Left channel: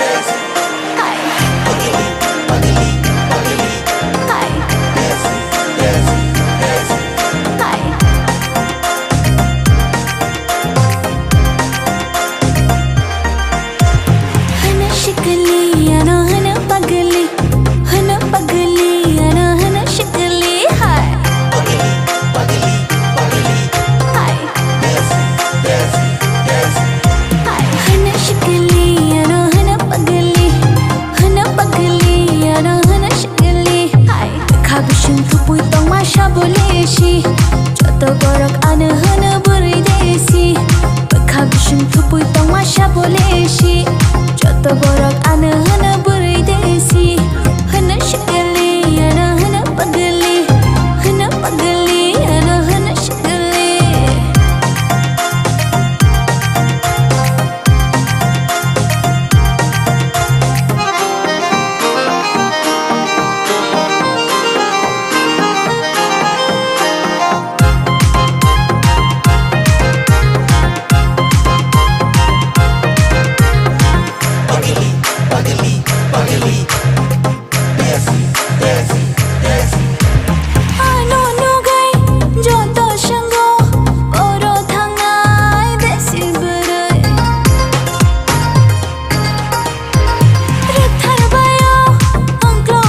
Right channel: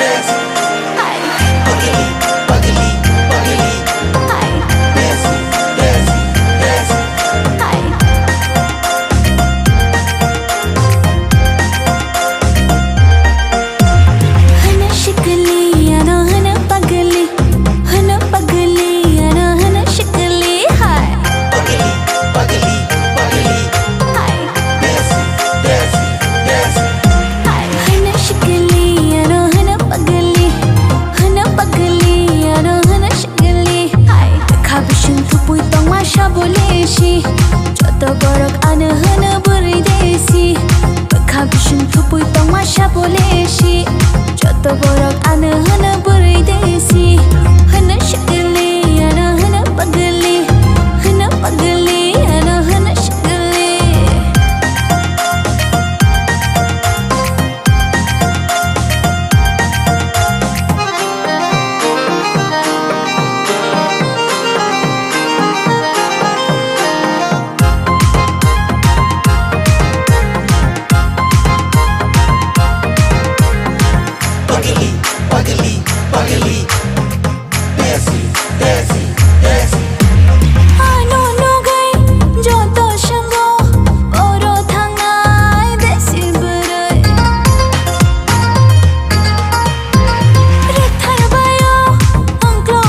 Desi, Hi, pagili, pagili, pagili. hi, Desi, Desi, Desi. hi. हन शिकली अना हन पगली अना हन शिकली हाय Pagili, pagili, pagili. हाय Desi, Desi, Desi. हाय हन शिकली अना हन पगली अना हन शिकली हाय खाबिशिन थुपुई तोंग माशा बोलेशी जत बरक आन हन बुरै देसी खाबिशिन थुपुई तोंग माशा बोलेशी जत बरक आन हन बुरै देसी हन शिकली अना हन पगली अना हन शिकली Pagili, pagili, pagili. Desi, Desi, Desi. Ano nugay joto shango oro thangnai desi burai rathar bayo angklo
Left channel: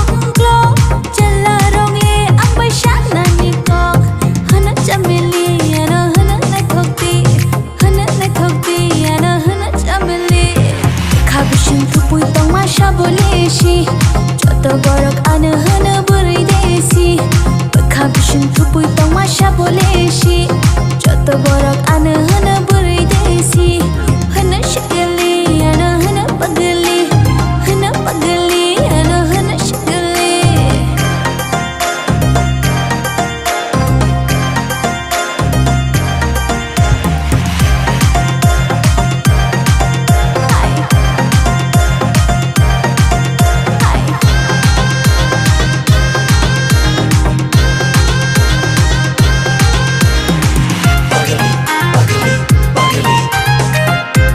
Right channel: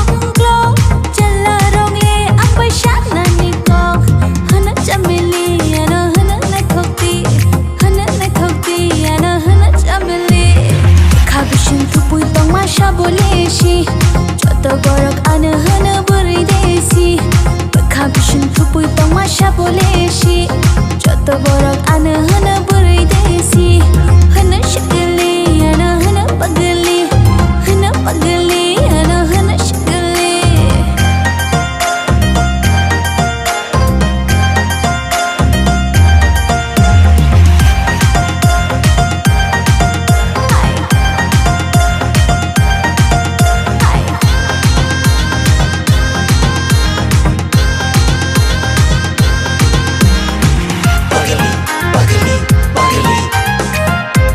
challa rongle ang baishan nani kok hana chamili ana hana na thokti ana hana chamili खाबिशिन थुपुई तोंग माशा बोलेशी जत बरक आन हन बुरै देसी खाबिशिन थुपुई तोंग माशा बोलेशी जत बरक आन हन बुरै देसी हन शिकली अना हन पगली अना हन शिकली हाय हाय Pagili, pagili, pagili.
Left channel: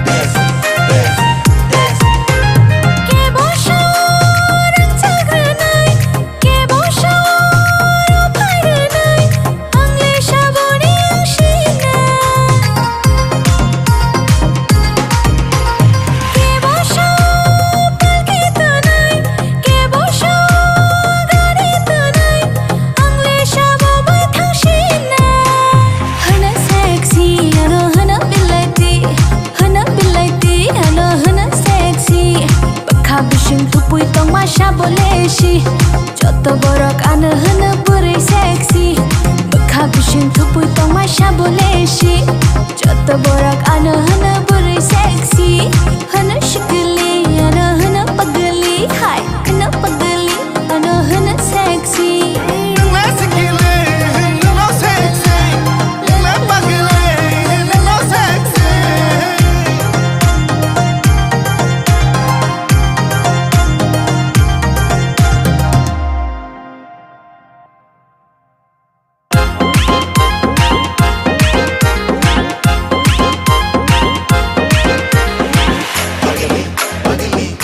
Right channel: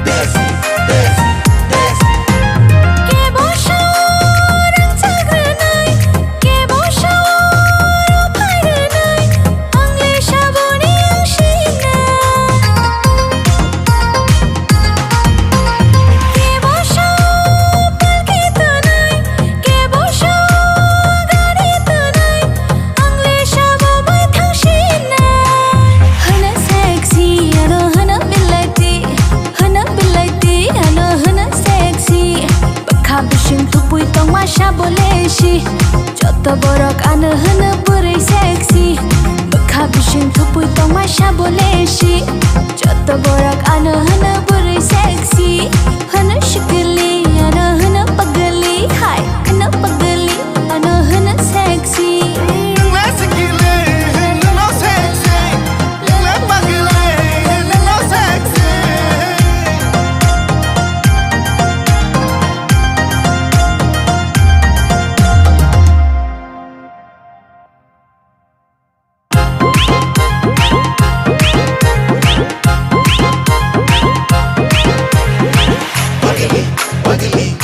Desi, Desi, Desi. के बोशोरन चाग्रानाय के बोशोरो फायरानाय आंले शाबोनि आंशिना के बोशो पलकेतनाय के बोशो गारेतनाय आंले शाबो बै थांशिना हना सेक्सी अनो हना बिलायती अनो हना सेक्सी खाबिशिन थुपुई तोंग माशा बोलेशी जत बरक आन हन बुरै सेक्सी खाबिशिन थुपुई तोंग माशा बोलेशी जत बरक आन हन बुरै सेक्सी हन शिकली अना हन पगली हाय हन पगली अना हन sexy Let's get it, no sexy. Let's pagili, no sexy. Pagili, pagili,